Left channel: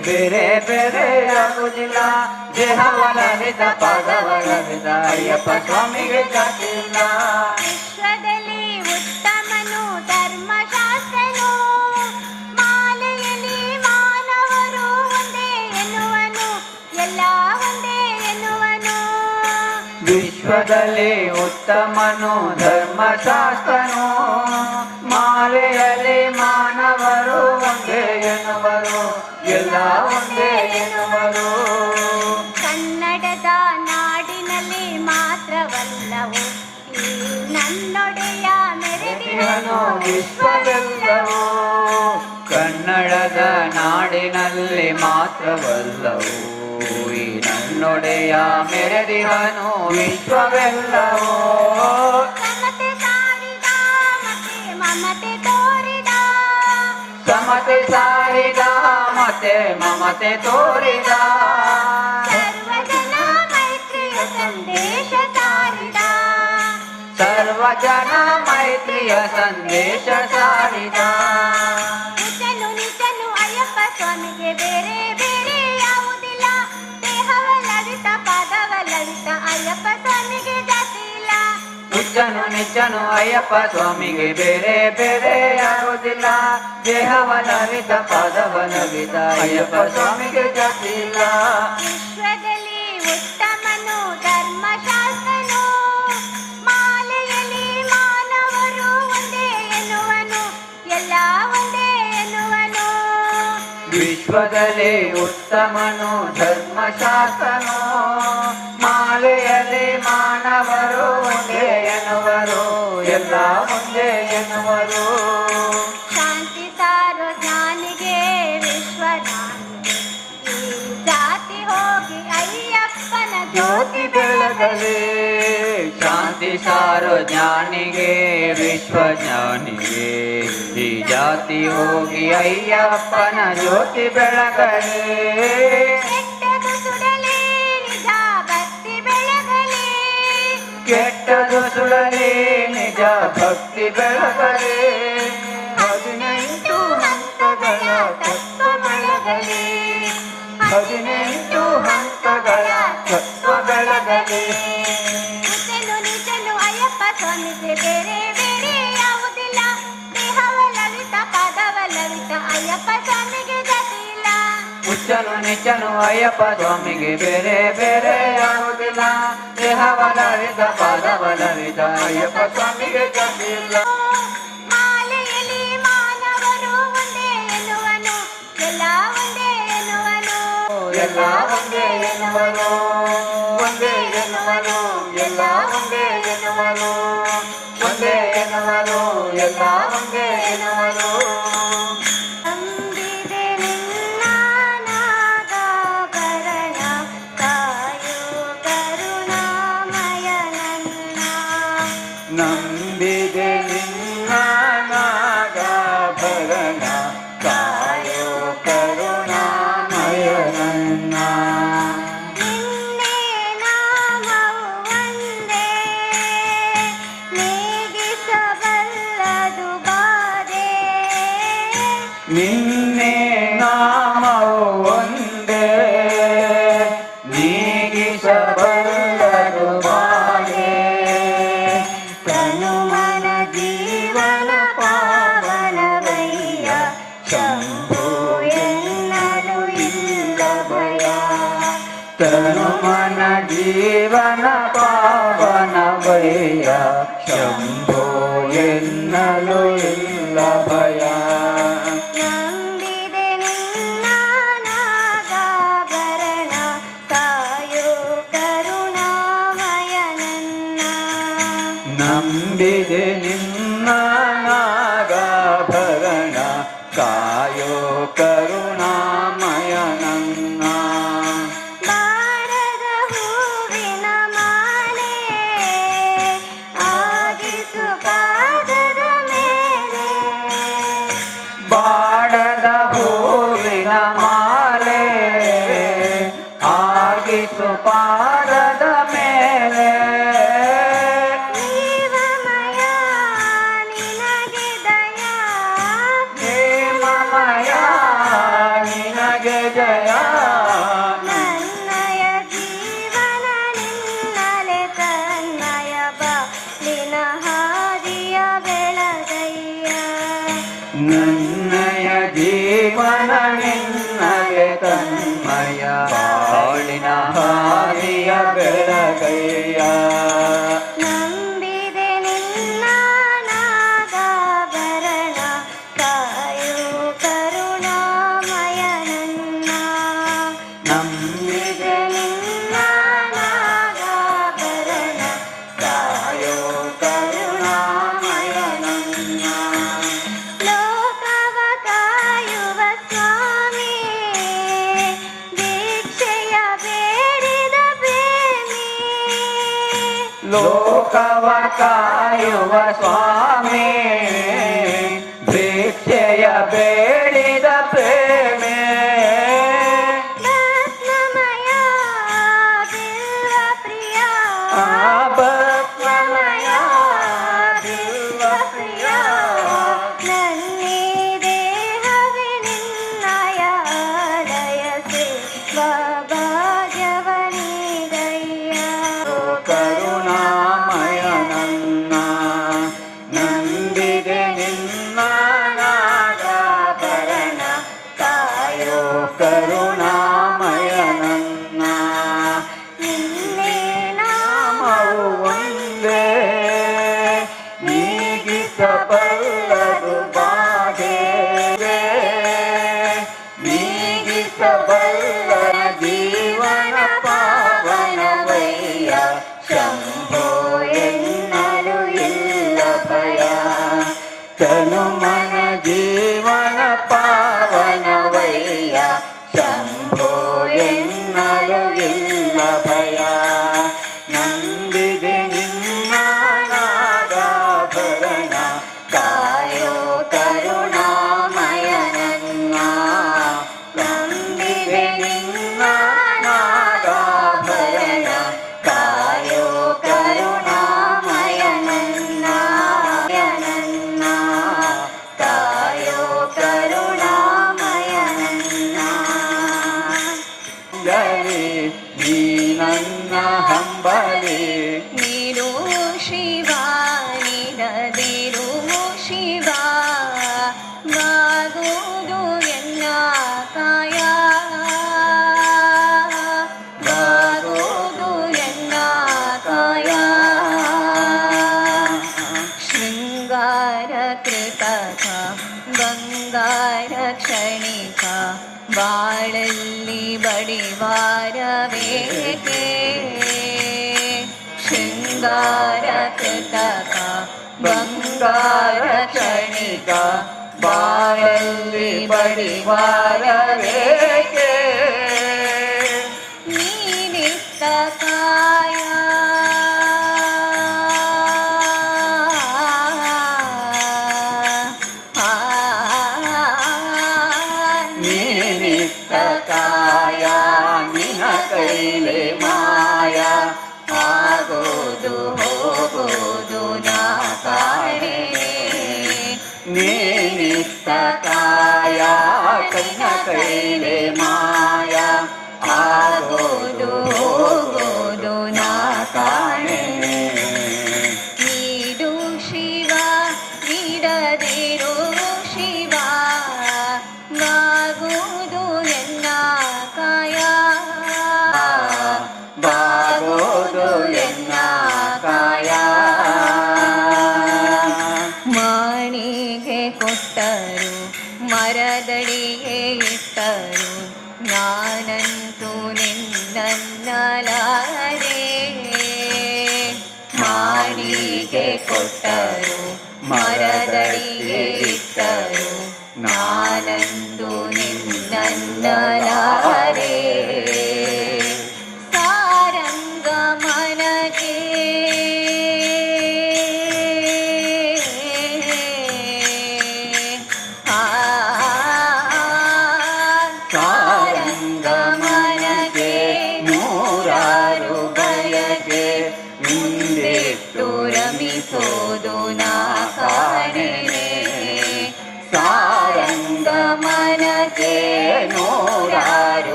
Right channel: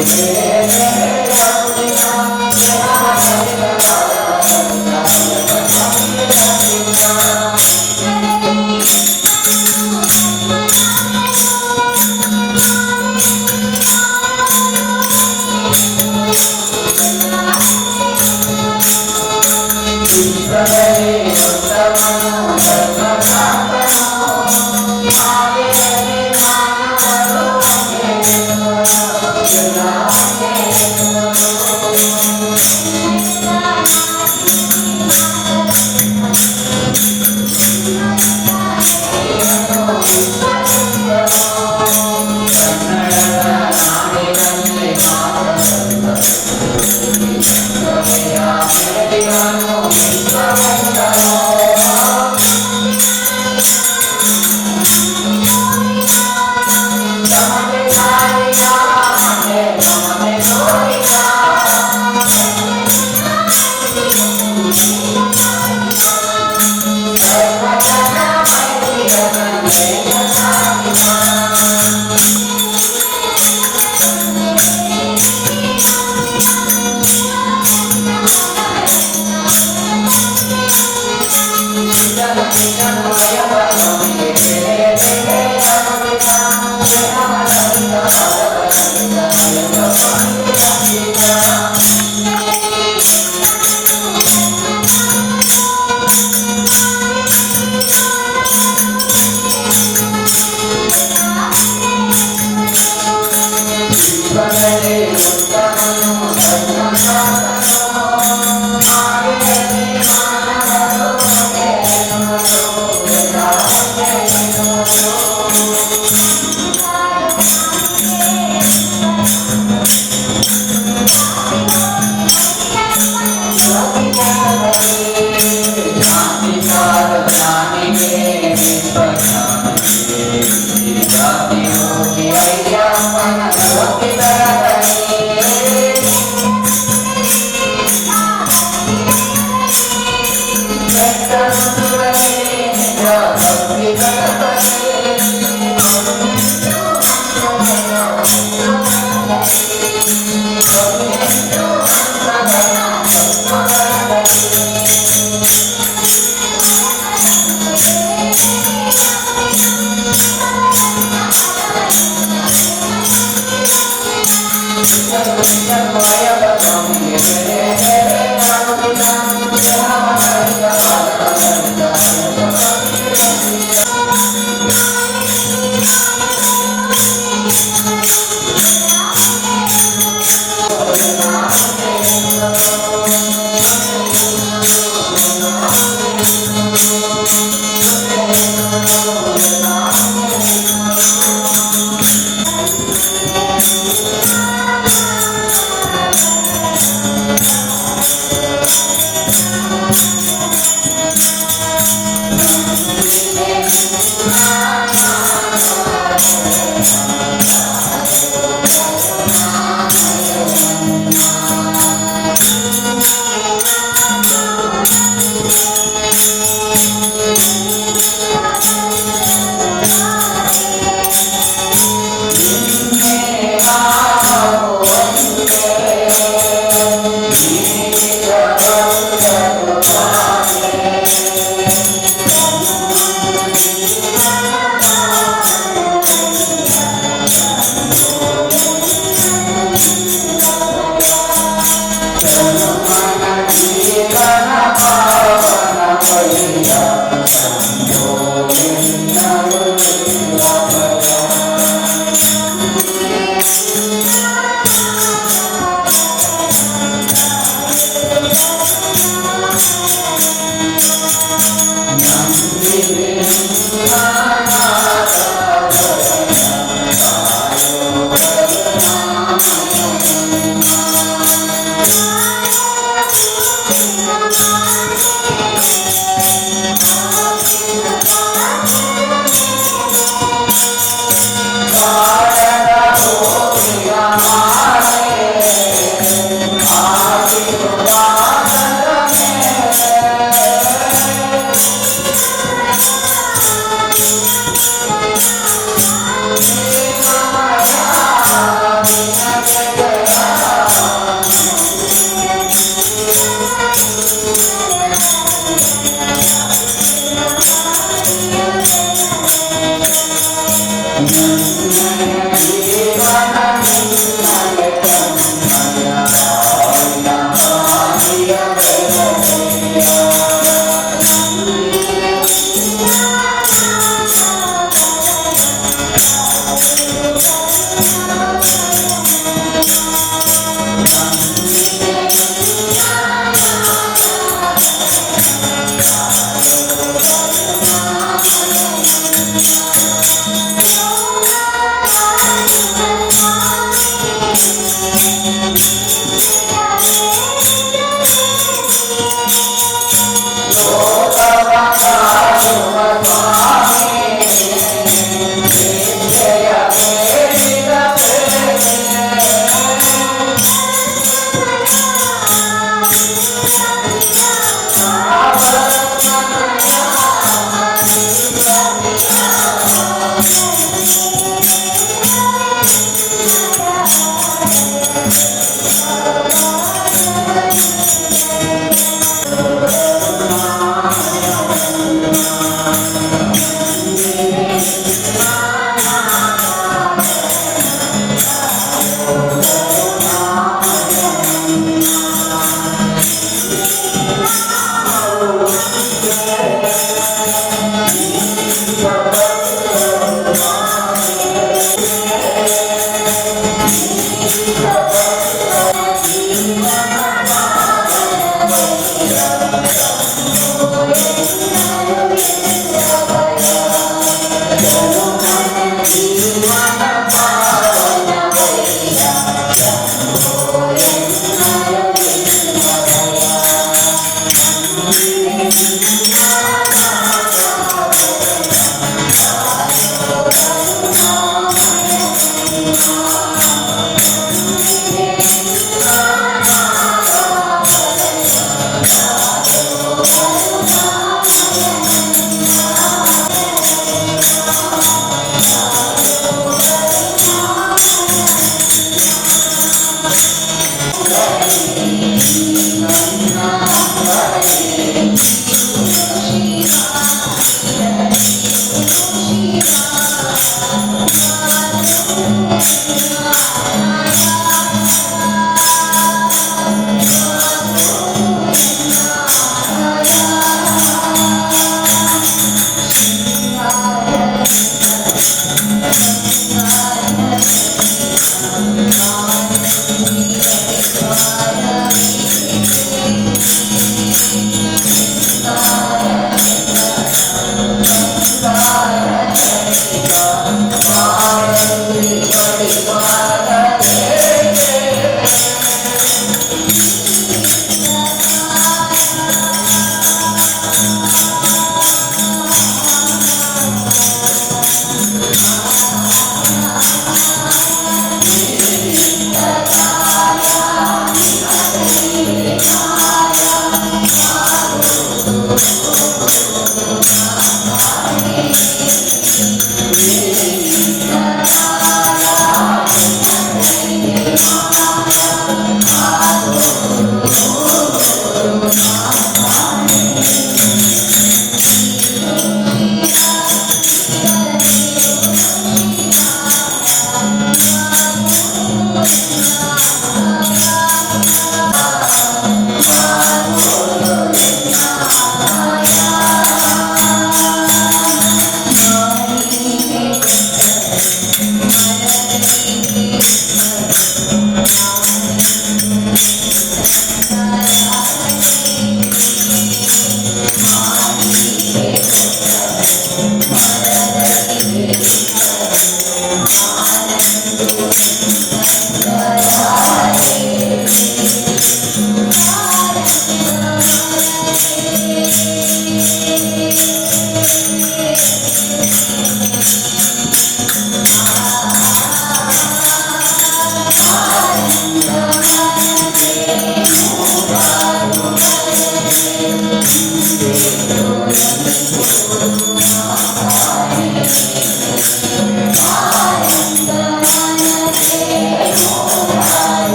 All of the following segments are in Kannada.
ಬೇರೆ ಬೇರೆ ಯಾವುದಿಲ್ಲ ದೇಹವನವಿದ ಪಾದವನವಿದ ಅಯ್ಯಪ್ಪ ಸ್ವಾಮಿಗೆ ಗಂಜಿಲ್ಲ ವಿಶ್ವದಲ್ಲಿ ಉತ್ತಮನು ಧರ್ಮಶಾಸ್ತ್ರನು ಮಾವೆಯಲ್ಲಿ ಮಾನವರು ಒಂದೇ ಎನ್ನುವರು ಎಲ್ಲ ಒಂದೇ ಎನ್ನುವರು ಕನ್ನಡದ ನಾಡಿನಲ್ಲಿ ಮಾತ್ರ ಬಂದವು ನನ್ನೊಡೆಯ ಮೆರೆದಿವನು ವಿಶ್ವವೆಲ್ಲವೋ ಸಮತೆ ಸಾರಿದ ಮಮತೆ ತೋರಿದ ಸರ್ವಜನ ಮೈತ್ರಿಯ ಸಂದೇಶ ಸಾರಿದ ನಿಜನು ಅಯ್ಯಪ್ಪ ಸ್ವಾಮಿಗೆ ಬೇರೆ ಬೇರೆ ಯಾವುದಿಲ್ಲ ದೇಹವನವಿದ ಪಾದವನವಿದ ಅಯ್ಯಪ್ಪ ಸ್ವಾಮಿಗೆ ಗಂಜಿಲ್ಲ ವಿಶ್ವದಲ್ಲಿ ಉತ್ತಮನು ಧರ್ಮಶಾಸ್ತ್ರನು ಮಾವೆಯಲ್ಲಿ ಮಾನವರು ಒಂದೇ ಎನ್ನುವರು ಎಲ್ಲ ಒಂದೇ ಎನ್ನುವರು ಶಾಂತಿ ಸಾರ್ವಜನಿಗೆ ವಿಶ್ವಜ್ಞಾನಿಗೆ ಶ್ರೀ ಜಾತಿ ಹೋಗಿ ಅಯ್ಯಪ್ಪನ ಜ್ಯೋತಿ ಬೆಳಗಲಿ ಕೆಟ್ಟರು ಸುರಲಿ ನಿಜ ಭಕ್ತಿ ಬೆಳಗಲಿ ನಿಜನು ಅಯ್ಯಪ್ಪ ಸ್ವಾಮಿಗೆ ಬೇರೆ ಬೇರೆ ಯಾವುದಿಲ್ಲ ದೇಹವನವಿದ ಪಾದವನವಿದ ಅಯ್ಯಪ್ಪ ಸ್ವಾಮಿಗೆ ಗಂಜಿಲ್ಲ ಎಲ್ಲ ಒಂದೇ ಎನ್ನುವರು ಒಂದೇ ಎನ್ನುವರು ಎಲ್ಲ ಒಂದೇ ಎನ್ನುವರು ಒಂದೇ ಎನ್ನುವರು ಎಲ್ಲ ಒಂದೇ ಎನ್ನುವರು ಶಂಭೋ ಎನ್ನಲು ಇಲ್ಲ ಭಯ ನಂಬಿದೆ ನಿಮ್ಮ ನಾಮಧೇಯ ಕಾಯೋ ಕರುಣಾಮಯ ನನ್ನ ನಂಬಿದೆ ನಿಮ್ಮ ನಾಮಧೇಯ ಕಾಯೋ ಕರುಣಾಮಯ ನನ್ನ ಕಾಯೋ ಕರುಣಾಮಯ ಈ ನನ್ನ ಅಂಬಲಿ ನೀರು ಶಿವ ನೀರು ಶಿವ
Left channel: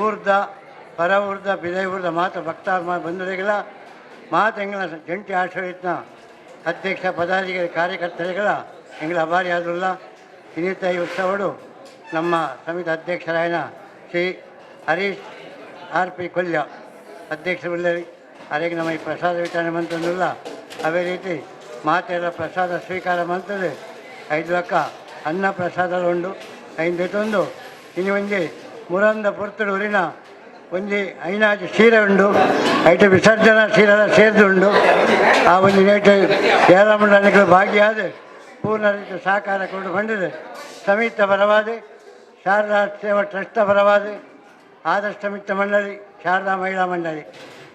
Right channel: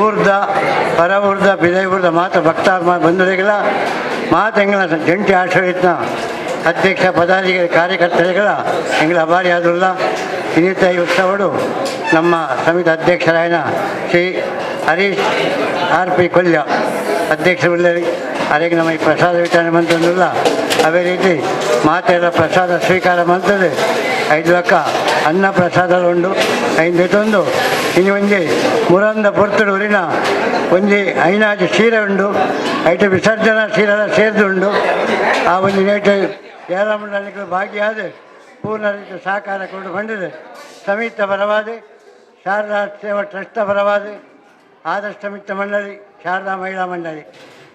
ಊರ್ದ ಪರ ಊರ್ದ ಬಿದ ಊರ್ದ ಮಾತ ಭಕ್ತಾರ ಬಂಧುಗಳಿಗೆಲ್ಲ ಮಾತೆಂಗಳ ಜಂಟಿ ಆಶ್ರಯಿತ್ನ ಅಧ್ಯಕ್ಷ ಪದಾಧಿಕಾರಿ ಕಾರ್ಯಕರ್ತರುಗಳ ಎಂಗಳ ಅಭಾರಿ ಆದ್ರಲ್ಲ ಇನ್ನಿತ ಈ ಉತ್ಸವಡು ನಮ್ಮ ಸಮಿತಿ ಅಧ್ಯಕ್ಷರಾಯನ ಶ್ರೀ ಹರೀಶ್ RP ಕೊಲ್ಯ ಅಧ್ಯಕ್ಷರುಳ್ಳರಿ ಅವರಿಗೆ ನಮ್ಮ ಈ ಪ್ರಸಾದ ವಿತರಣೆ ಮಂತಂದಿಲ್ಲ ಅದೇ ರೀತಿ ಮಾತೆಲ್ಲ ಪ್ರಸಾದ ಸ್ವೀಕಾರ ಮಂತದೆ 5 ಲಕ್ಕ ಅನ್ನ ಪ್ರಸಾದ ಉಂಡು 5 ಇನ್ನು ಒಂಜಿ ಮುರಂದ ಪೊರ್ತುಡು ಉರಿನ ಒಂಜಿ ಐನಾಜಿ ಸೀರೆ ಉಂಡು ಐಟು ವಿಸರ್ಜನಾ ಸೀರೆಲ್ಲ ಸೇರ್ದುಂಡು ಆ ಒಂದು ನೇಟು ಏಳಮಂಡಲಿಗಳು ಭಾಗಿಯಾದ ಪೂರ್ಣ ರೀತಿ ಸಹಕಾರ ಕೊಡು ಬಂದಿದೆ ಸಮಿತ ಪರವಾದ ಶಾರದಾ ಸೇವಾ ಟ್ರಸ್ಟ್ ಪರವಾದ ಆದರ್ಶ ಮಿತ್ರ ಮಂಡಳಿ ಶಾರದಾ ಮಹಿಳಾ ಮಂಡಳಿ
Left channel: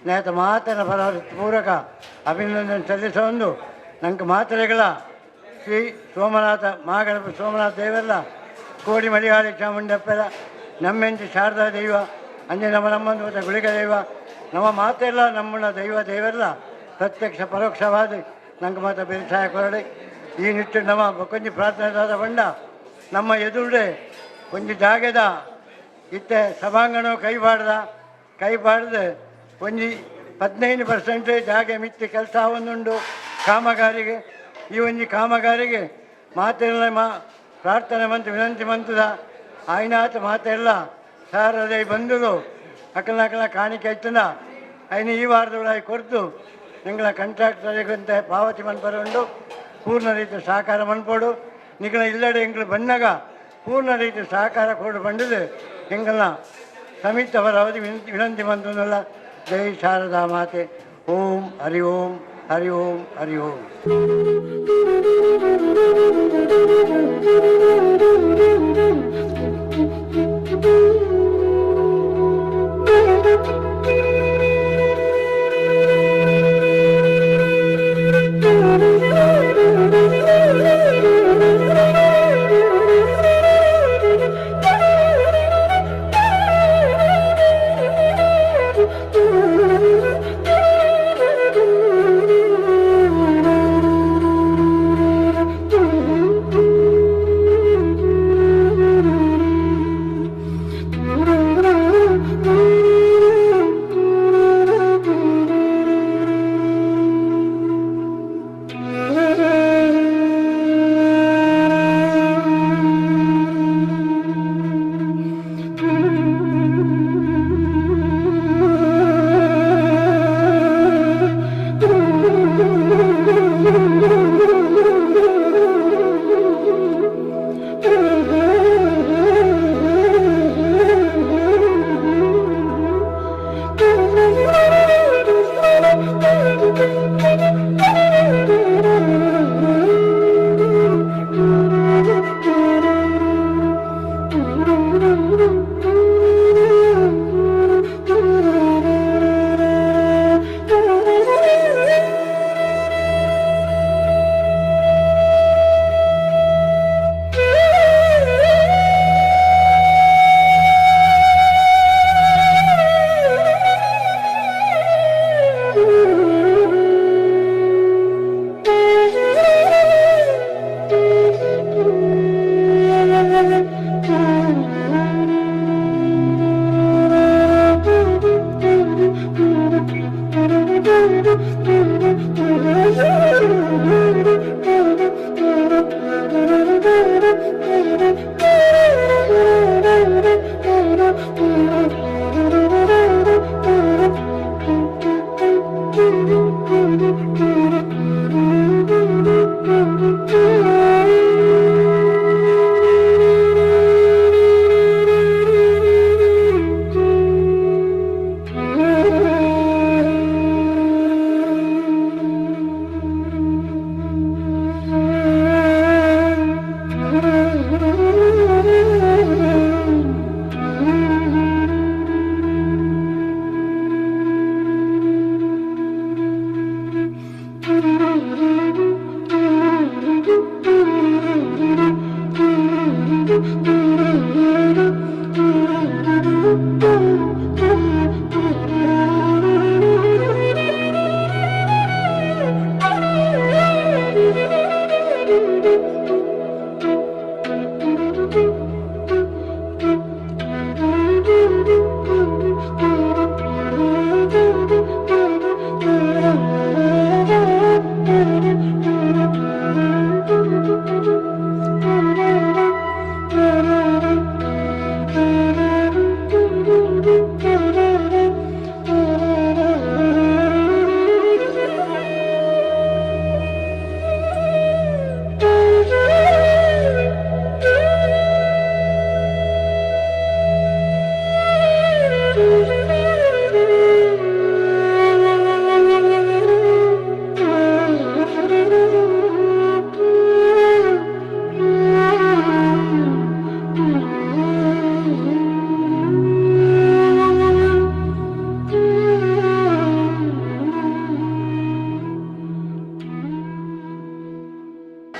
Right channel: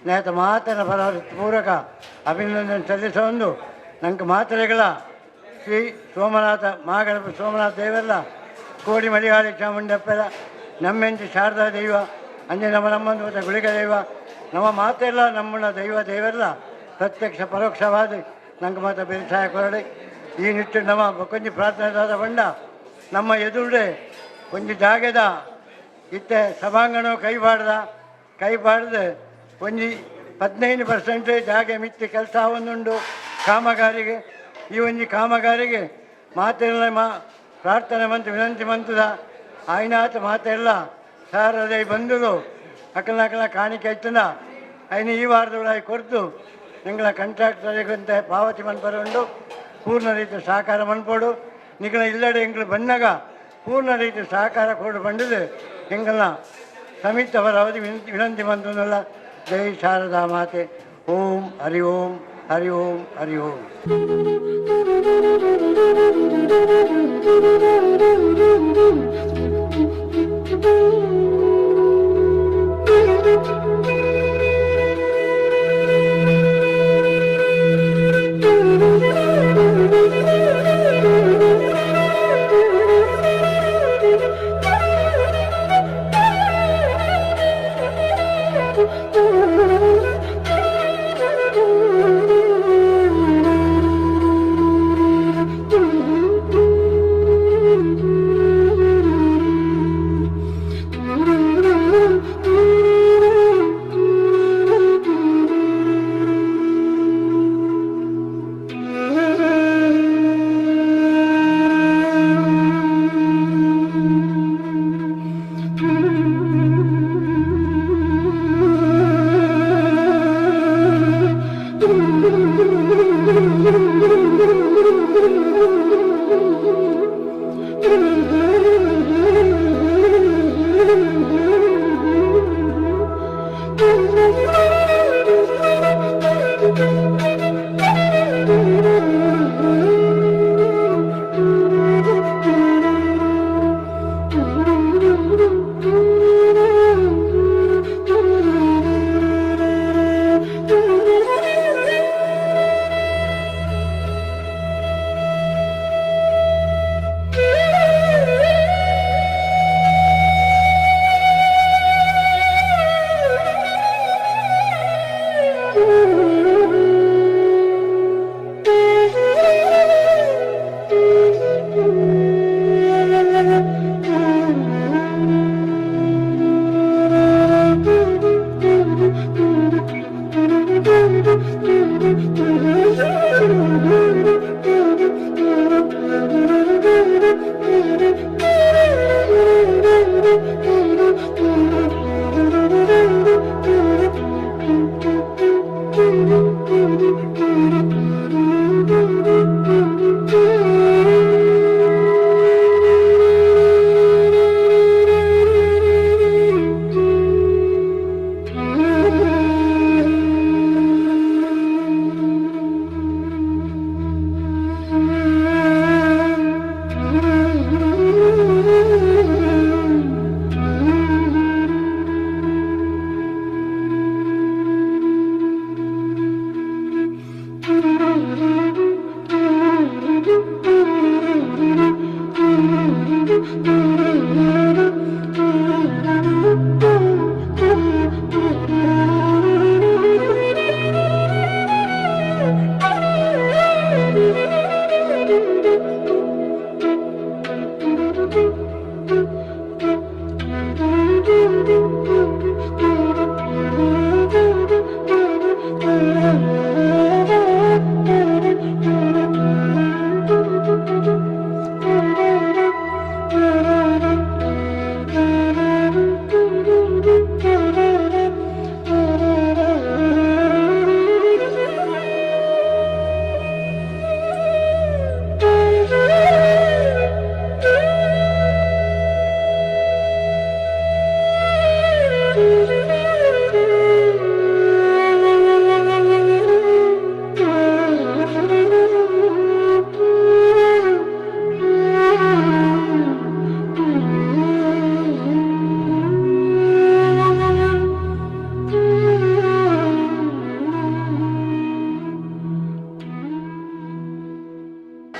ನೇತ ಮಾತನ ಪರವಾದ ಪೂರಕ ಅಭಿನಂದನೆ ಸಲ್ಲಿಸೊಂದು ನಂಗೆ ಮಾತ್ರೆಗಳ ಶ್ರೀ ಸೋಮನಾಥ ಮಹಾಗಣಪತಿ ಸೋಮನಾಥ ದೇವರ ಕೋಡಿ ಮಲಿಹಾಳಿ ಚಾಮುಂಡಪ್ಪರ ನಮ್ಮೆಂಚು ಶಾರದಾ ದೈವ ಅಂಜೆ ನಮ್ಮಂದು ಮತ್ತು ಗುಳಿಗ ದೈವ ನಮ್ಮ ಮಾತೆಲ್ಲ ನಮ್ಮನ್ನ ದೇವರೆಲ್ಲ ಪ್ರತ್ಯಕ್ಷ ಪರೋಕ್ಷವಾದ ನಂಗೆ ಮಾತ್ರ ಬೇಸಾಯ ಕೊರಡೆ ಈ ನಿಟ್ಟು ನಮ್ಮ ಕೊಂಚ ಪ್ರಾರ್ಥನೆದಾದ ಬಂಡ ನಮ್ಮ ಎದುರುಡೆ ಒಂದು ಜಾಗದ ಇತ್ತೆ ಸಭಾಂಗಣ ಕೈ ಬಾಡ್ದು ಒಂದು 15% ಜಾಗ ಮಿತ್ತಿ ಕೆಲಸ ಒಂದುಂಡು ಕಾಮಗಾರಿಗೆ ಈ ಒಂದು ಕಾಮಗಾರಿಗೆ ಮಾತೆಲ್ಲ ಪ್ರಾರ್ಥನೆ ಮಂತು ವಿನಂತಿ ಮಂತದ ಆಯ್ನಾಥ ಮಾತೆಲ್ಲ ಸಾರದೈ ಬಂಧುಗಳು ಅಕ್ಕಲ ಕಾಣಿಕೆ ಆಯ್ತದ ಐನು ಈ ವಾರದೊಳಗೆ ಕೊರ್ತು ನಿಂಗಳ ಕಾಂಟ್ರಾಕ್ಟರಿಗಂತೆ ಪಾವತಿ ಮನ್ಪರುಂಡು ಪೂರ್ಣ ರೀತಿ ಸಹಕಾರ ಮನ್ಪೋಡು ನಿಗಳ ಇಲ್ಲಡೆ ಎಂಗಳು ಬಂದಾಗ ಪೂರ್ಣ ರೀತಿ ಸಹಕಾರ ಕೊಡು ಬಂದಿದೆ ಎಂಗಲ್ನ ಸಮಿತ ಅವರವಧಿ ವಿನಂತಿ ಮಂತಲ್ಲ ಜೈ ಶಾರದಾ ಮಾತೆ ಓಂ ಹರಿ ಓಂ ಹರಿ ಓಂ ಹರಿ ಓಂ.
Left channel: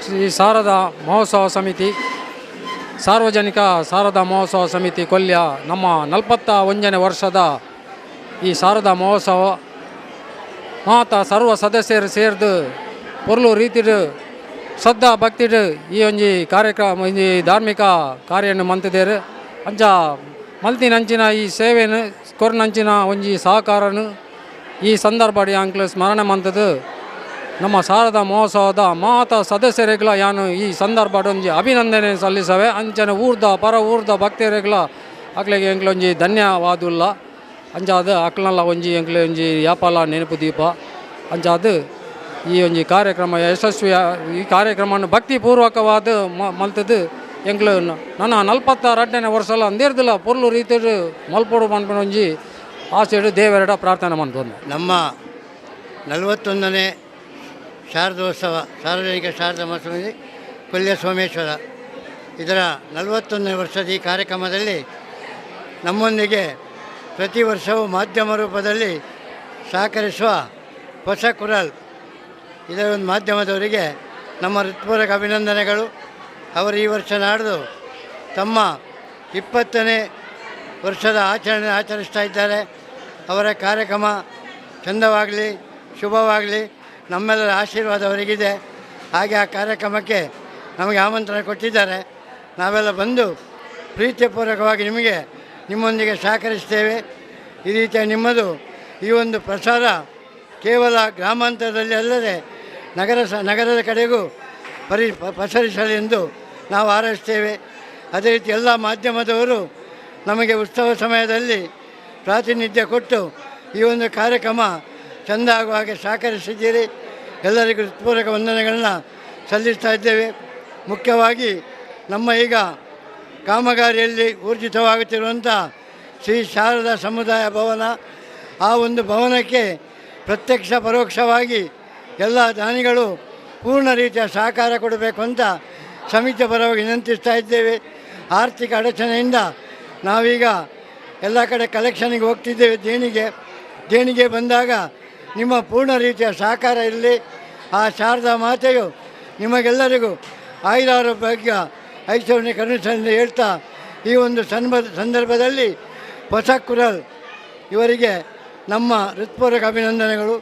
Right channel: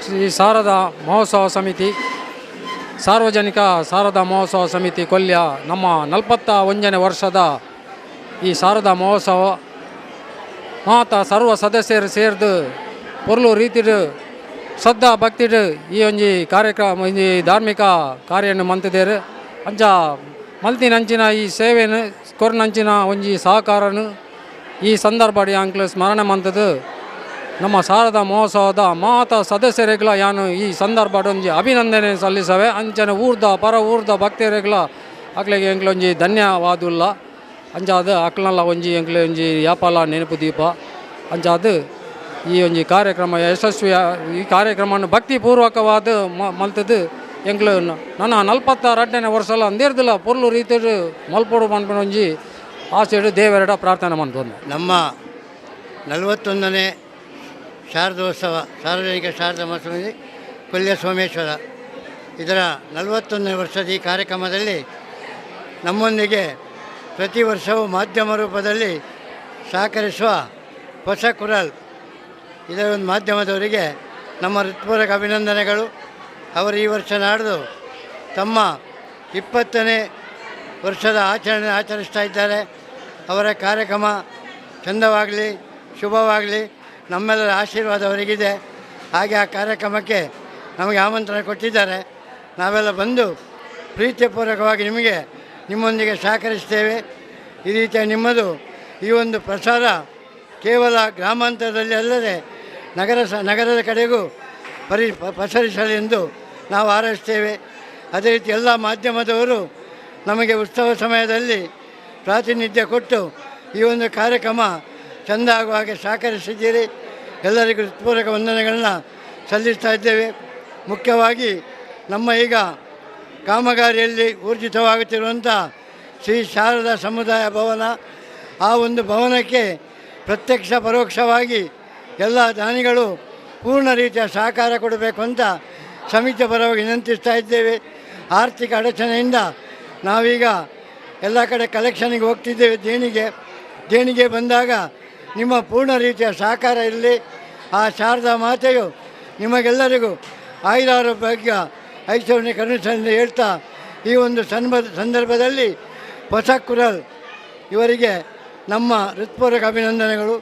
ಶ್ರೀ ಶಾರದಾ ಮಹೋತ್ಸವ ಸಮಿತಿ ಸಾರ್ವಜನಿಕ ಶಾರದಾ ಮಹೋತ್ಸವ ಸಮಿತಿ ಕೊಲ್ಯ ನಮ್ಮ 41ನೇ ವರ್ಷದ ಈ ಶಾರದಾ ಮಹೋತ್ಸವ ಮಾತ ಸರ್ವ ಸದಸ್ಯರು ಸೇರಿದು ಪೊರ್ಲು ರೀತಿಡು ಶ್ರದ್ಧಾ ಭಕ್ತಿಡು ಈ ಒಂಜಿ ಕಾರ್ಯಕ್ರಮ ಒಂಜಿ ಧಾರ್ಮಿಕ ಕಾರ್ಯವನ್ನು ಮಂತಿದ್ದೇರು ಅಂಚ ಮಲ್ತಿನಂಚಿನ ಈ ಸೇವೆಯನ್ನು ಕೊರ್ನಂಚಿನ ಒಂಜಿ ಸಹಕಾರನು ಈ ಸಂದರ್ಭಡಿ ಅಂಕ್ಲು ಸ್ಮರಣೆ ಮಂತದ್ದು ನಮ್ಮ ಶಾರದಾ ಮಹೋತ್ಸವದ ಮಾತ ಸದಸ್ಯರಿಗಳ ಯಾನು ಈ ಸಂದರ್ಭದ ಒಂಜಿ ಅಭಿನಂದನೆ ಸಲ್ಲಿಸವೆ ಅಂಚನೆ ಪರ ಊರ್ದ ಭಕ್ತರಿಗಳ ಅಕ್ಲೆಗೆ ಎಂಕ್ಲೊಂಜಿ ಧನ್ಯವಾದುಲ್ಲ ಅಂಚಾದ ಅಕ್ಲಲ್ಲ ಒಂಜಿ ಎಂಕ್ಲೆ ಒಂಜಿ ಯಾಪಲ ನೆನಪು ದೀಪ ಅಂಚಾದ ಈ ಒಂಜಿ ಕಾರ್ಯಕ್ರಮ ಯಶಸ್ವಿ ಈ ಕಾರ್ಯಕ್ರಮವನ್ನು ಭಕ್ತಿಪೂರ್ವಕವಾದ ಮಲ್ತದ್ದು ಎಂಕ್ಲು ನನ್ನ 42ನೇ ವರ್ಷಲ ಅಂದೇರ್ದಿಲ್ಲ ಪೊರ್ಲು ರೀತಿ ಮಲ್ಪೊಡು ಮನ್ಪನ ಒಂಜಿ ಆಸೆಡು ದೇವರೆಡ ಪ್ರಾರ್ಥನೆ ಮಾಡ್ತಂದು ನಮ್ಮ 41ನೇ ಶಾರದೋತ್ಸವ ಸಾರ್ವಜನಿಕ ಶಾರದಾ ಮಹೋತ್ಸವ ಕೊಲ್ಯ ಸೋಮೇಶ್ವರ ಇದರ 41ನೇ ವರ್ಷದ ಈ ಕಾರ್ಯಕ್ರಮದಲ್ಲಿ ನಮ್ಮೊಂದಿಗೆ ಪ್ರತಿ ವರ್ಷವೂ ಮಾಧ್ಯಮ ರೂಪದಲ್ಲಿ ಸಹಕರಿಸುವ ಹೊಸ ಕುರಲ್ ಇದರ ಒಂದು ಮಾಧ್ಯಮದವರಿಗೆ ನಮ್ಮ ಹೃತ್ಪೂರ್ವಕ ಅಭಿನಂದನೆಗಳು. ಅವರು ಈ ವರ್ಷ ನಾಡ್ದು ತಮ್ಮ 20ನೇ ವರ್ಷದ ಆಚರಿಸ್ತಾ ಇದ್ದಾರೆ. ಅವರ ಕಾರ್ಯಕ್ರಮ ಚಂದವಾಗಲಿ, ಶುಭವಾಗಲಿ, ನಮ್ಮೆಲ್ಲರ ಆಶೀರ್ವಾದ ಅವರಿಗಿದೆ. ಹಾಗೆ ಆ ಕಾರ್ಯಕ್ರಮಕ್ಕೆ ನಮಗೆ ಆಮಂತ್ರಣ ಕೊಟ್ಟಿದ್ದಾರೆ. ನಾವೆಲ್ಲ ಬಂದು ಪ್ರೀತಿಪೂರ್ವಕವಾಗಿ ನಿಮ್ಮೊಂದಿಗೆ ಸಹಕರಿಸ್ತೇವೆ. ಈ ರೀತಿಯ ನಿಮ್ಮದು ಈ ಒಂದು ಪ್ರಸಾರ ಕೇವಲ ಗ್ರಾಮಾಂತರದಲ್ಲಿ ಅಲ್ಲದೆ ನಗರದ ಕಡೆಗೂ ಪಸರಿಸಲೆಂದು ನಾವು ಹಾರೈಸ್ತೇವೆ. ಅದೇ ರೀತಿ ಎಲ್ಲ ಮಾಧ್ಯಮದವರು ನಮಗೆ ಉತ್ಸವ ಸಮಯದಲ್ಲಿ ಪ್ರಾತಿನಿಧ್ಯ ಕೊಟ್ಟು ಈ ಒಂದು ಕಾರ್ಯಕ್ರಮ ಚೆಂದ ಆಗುವ ಹಾಗೆ ಸಹಕರಿಸಿದ್ದೀರಿ. ಎಲ್ಲರಿಗೂ ಹೃತ್ಪೂರ್ವಕ ವಂದನೆಗಳನ್ನ ಸಲ್ಲಿಸ್ತಾ ಇದ್ದೇವೆ. ಮುಖ್ಯವಾಗಿ ನಮ್ಮ ಈಗ ಕಾಮಗಾರಿಯಲ್ಲಿ ಊರ್ಜಿತವಾಗುತ್ತಿರುವಂಥ ಶ್ರೀ ಶಾರದಾ ಸಮುದಾಯ ಭವನ, ಆ ಒಂದು ಭವನಕ್ಕೆ ಪ್ರತ್ಯಕ್ಷ ಪರೋಕ್ಷವಾಗಿ ಎಲ್ಲ ದಾನಿಗಳು ಪೂರ್ಣ ರೀತಿಯ ಸಹಕಾರ ಕೊಡಬೇಕು ಅಂತ ಸಮಿತಿಯ ಪರವಾಗಿ ವಿನಂತಿಸ್ತಾ ಇದ್ದೇವೆ. ಆರ್ಥಿಕ ಅಡಚಣೆಯಿಂದ ನಾವೀಗ ಎಲ್ಲ ಕಡೆ ಕಲೆಕ್ಷನ್ಗೆ ಹೋಗ್ತಿದ್ದೇವೆ. ದೇಣಿಗೆ ಬಂದಾಗ ನಿಮ್ಮ ಪೂರ್ಣ ರೀತಿಯ ಸಹಕಾರ ಇರಲಿ. ಆ ಶಾರದಾ ಮಾತೆಯು ನಿಮಗೆಲ್ಲರಿಗೂ ಆಯುರಾರೋಗ್ಯ ಐಶ್ವರ್ಯ ಕರುಣಿಸಲೆಂದು ಹೇಳ್ತಾ ಈ ಒಂದು ಸಂದರ್ಭದಲ್ಲಿ ಹೊಸ ಕುರಲ್ ಇವರಿಗೆ ನಮ್ಮ ಹೃತ್ಪೂರ್ವಕ ಅಭಿನಂದನೆಗಳು.